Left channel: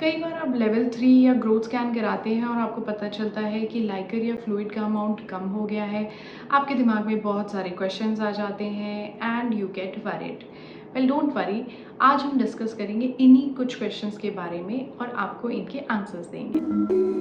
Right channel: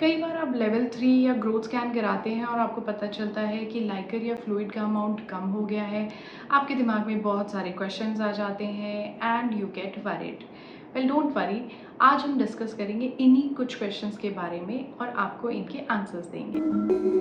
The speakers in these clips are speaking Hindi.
कई बार आप लेवल 3 या ग्रोथ स्कैन कराते हैं और आपको पता चलता है कि लाइकर या फ्लूइड का अमाउंट कम हो गया है। आपके दिमाग में बहुत सारे क्वेश्चंस आ जाते हैं and you get worried. Well don't worry, आज हम डिस्कस करेंगे इन्हीं कुछ क्वेश्चंस के बारे में और आपको इनके आंसर्स देंगे।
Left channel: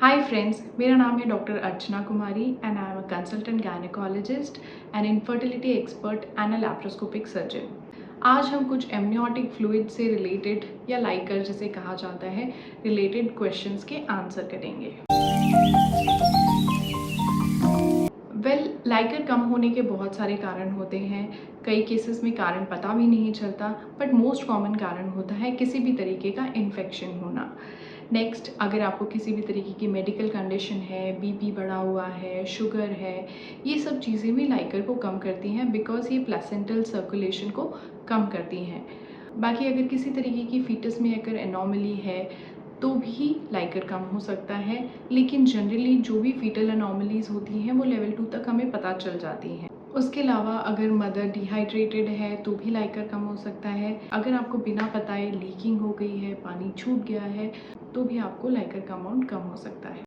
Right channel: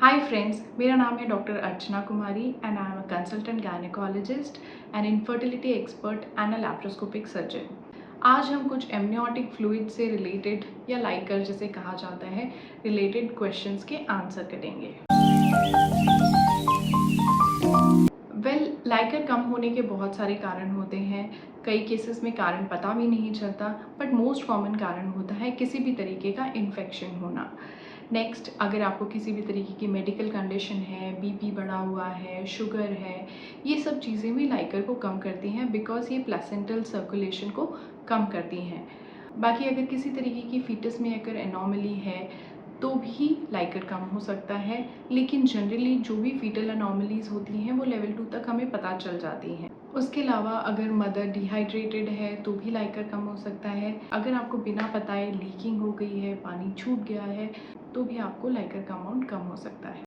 हाय फ्रेंड्स, मेरा नाम है doctor Archana Kumari and I am a consultant gynaecologist and infertility expert and a laparoscopic surgeon. आज हम कुछ एमनियोटिक फ्लूइड से रिलेटेड या लाइकर जिसे कहा जाता है रिलेटेड क्वेश्चंस के आंसर करेंगे। लाइकर कम होने के बहुत सारे कारण होते हैं। कई केसेस में कारण पता भी नहीं चलता, बट मोस्ट कॉमन कारण होता है किसी भी तरीके का इन्फेक्शन होना। नेक्स्ट, अगर आपको किसी भी तरीके की मेडिकल कंडीशन है, बीपी बढ़ा हुआ है, शुगर है, ये सब चीज़ें भी लाइकर को कम करती हैं बिकॉज ये प्लेसेंटल सर्कुलेशन को कम करती हैं। बाकी अगर किसी तरीके की फीटस में अगर एनॉमली है तो भी लाइकर कम हो सकता है, लेकिन जनरली जो भी फीटल एनॉमलीज़ होती हैं वो लेवल 2 तक हमें पता चल जाती हैं। उसके अलावा अगर मदर डिहाइड्रेटेड है तो भी लाइकर कम हो सकता है। अगर आपको बिना बताए लीकिंग हो गई है, पानी छूट गया है, तो भी आपको लाइकर का अमाउंट कम हो सकता है।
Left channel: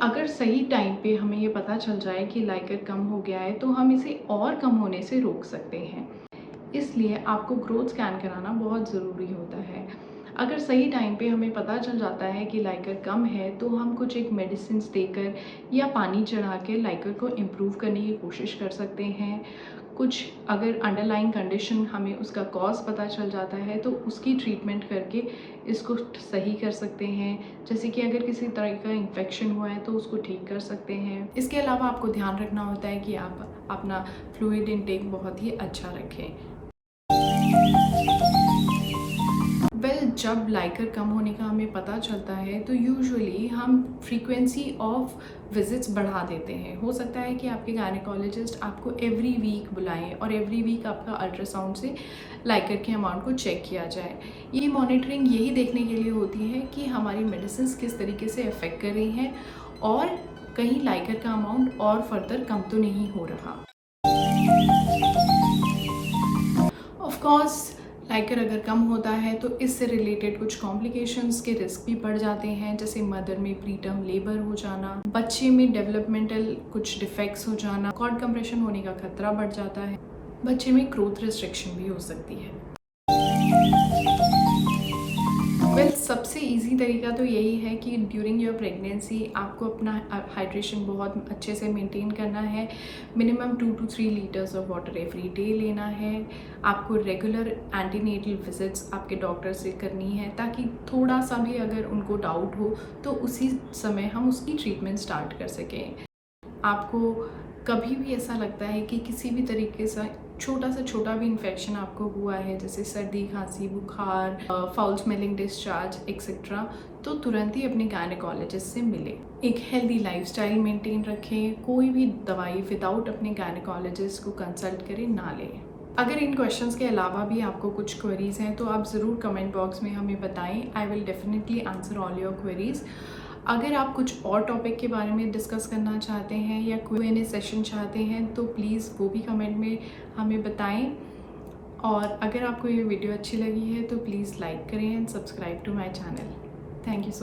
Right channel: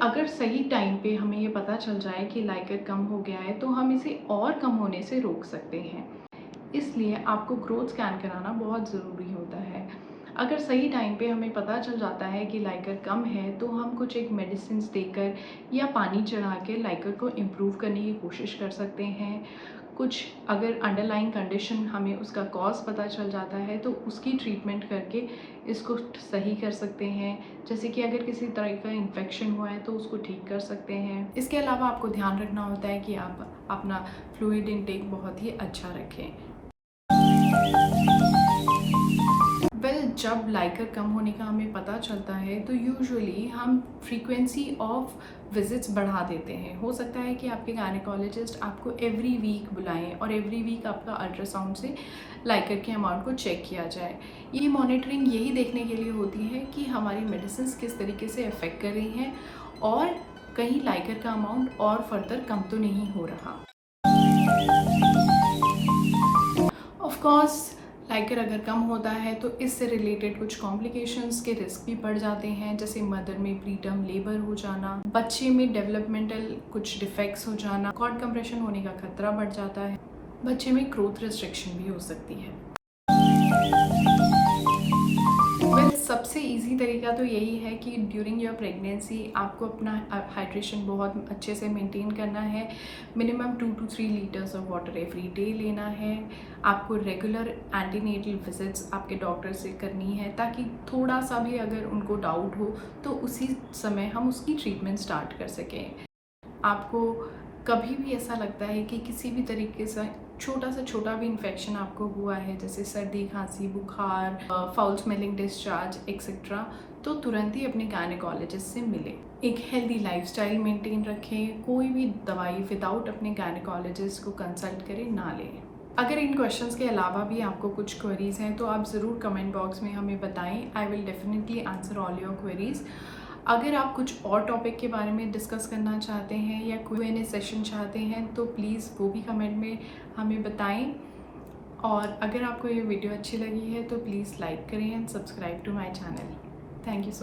अगर सही टाइम पे हमें ये पता चल जाए कि लाइकर कम हो गया है तो हम इसे और कम होने से रोक सकते हैं। इसलिए आपको ग्रोथ स्कैन कराना बहुत ज़रूरी होता है। अगर सही टाइम पे हमें पता चल जाता है कि लाइकर कम है तो हम कुछ एक मेडिसिन्स देकर या पानी चढ़ा के लाइकर को इम्प्रूव करने की कोशिश कर सकते हैं। कुछ अगर अंडरलाइंग कंडीशन हमें उसका कॉज पता चल जाता है तो उसकी ट्रीटमेंट करके इसको सही कर सकते हैं। जैसे कि अगर किसी तरह का इन्फेक्शन हुआ है तो उसको ठीक कर सकते हैं। इसके अलावा आपको ध्यान रखना होता है कि आप अपना फ्लूइड इनटेक बहुत ही अच्छा रखें। जब लाइकर कम होने का हमें पता चलता है तो यूजुअली हम फ्रीक्वेंसी ऑफ विजिट्स बढ़ा देते हैं। हो सकता है कि आपके गायनेकोलॉजिस्ट आपको एवरी वीक बुलाएं और एवरी वीक आपका अल्ट्रासाउंड से लाइकर के अमाउंट को चेक किया जाए। ये मॉनिटरिंग यही देखने के लिए होती है कि हमारी मेडिसिन किस तरीके से अफेक्ट कर रही हैं और कहीं लाइकर का अमाउंट और फर्दर कम तो नहीं हो रहा। ऑफ कोर्स लाइकर अगर कम होता है तो इससे रिलेटेड कुछ कॉम्प्लिकेशंस के रिस्क भी बढ़ जाते हैं, जैसे मदर में प्रीटर्म लेबर हो जाना, बच्चे में डेवलपमेंटल कुछ डिफेक्ट्स हो जाना, कॉर्ड कंप्रेशन होने का खतरा बढ़ जाता है, बच्चे में ग्रोथ रिस्ट्रिक्शन भी हो सकती है। सबसे इजी तरीका तो यही है कि ड्यूरिंग योर प्रेगनेंसी आपको अपना हाइड्रेशन बहुत अच्छे से मेंटेन करना है। Minimum 2 to 3 litres of water every day लेना है। आपको रेगुलर एंटीनेटल विजिट्स आपके डॉक्टर से करनी है ताकि थोड़ा सा भी अगर उनको डाउट हो तो उसी समय हम उसकी ट्रीटमेंट स्टार्ट कर सकें। आपको कभी भी ऐसा लगता है कि किसी भी तरीके से छोटा भी इन्फेक्शन आपको हुआ है, जैसे सर्दी, खांसी, बुखार, फाउल स्मेलिंग डिस्चार्ज एक्सेट्रा, तो तुरंत ही अपने गायनेकोलॉजिस्ट से मिले। एक हेल्दी लाइफस्टाइल मेंटेन रखें। कोई भी दवाई विदाउट अपने गायनेकोलॉजिस्ट को कंसल्ट करें ना लें। अगर इन क्वेश्चंस के अलावा भी आपको कुछ क्वेरीज हैं तो आप ज़रूर कमेंट बॉक्स में हमें बताएं। I will definitely answer all your queries. अगर आप कुछ और टॉपिक के बारे में डिस्कस करना चाहते हैं या Q&A सेशन चाहते हैं तो प्लीज़ वो भी कमेंट में हमें बताएं। और अगर आपको ये वीडियो अच्छी लगी है तो प्लीज़ लाइक करें and subscribe to my channel. Thank you so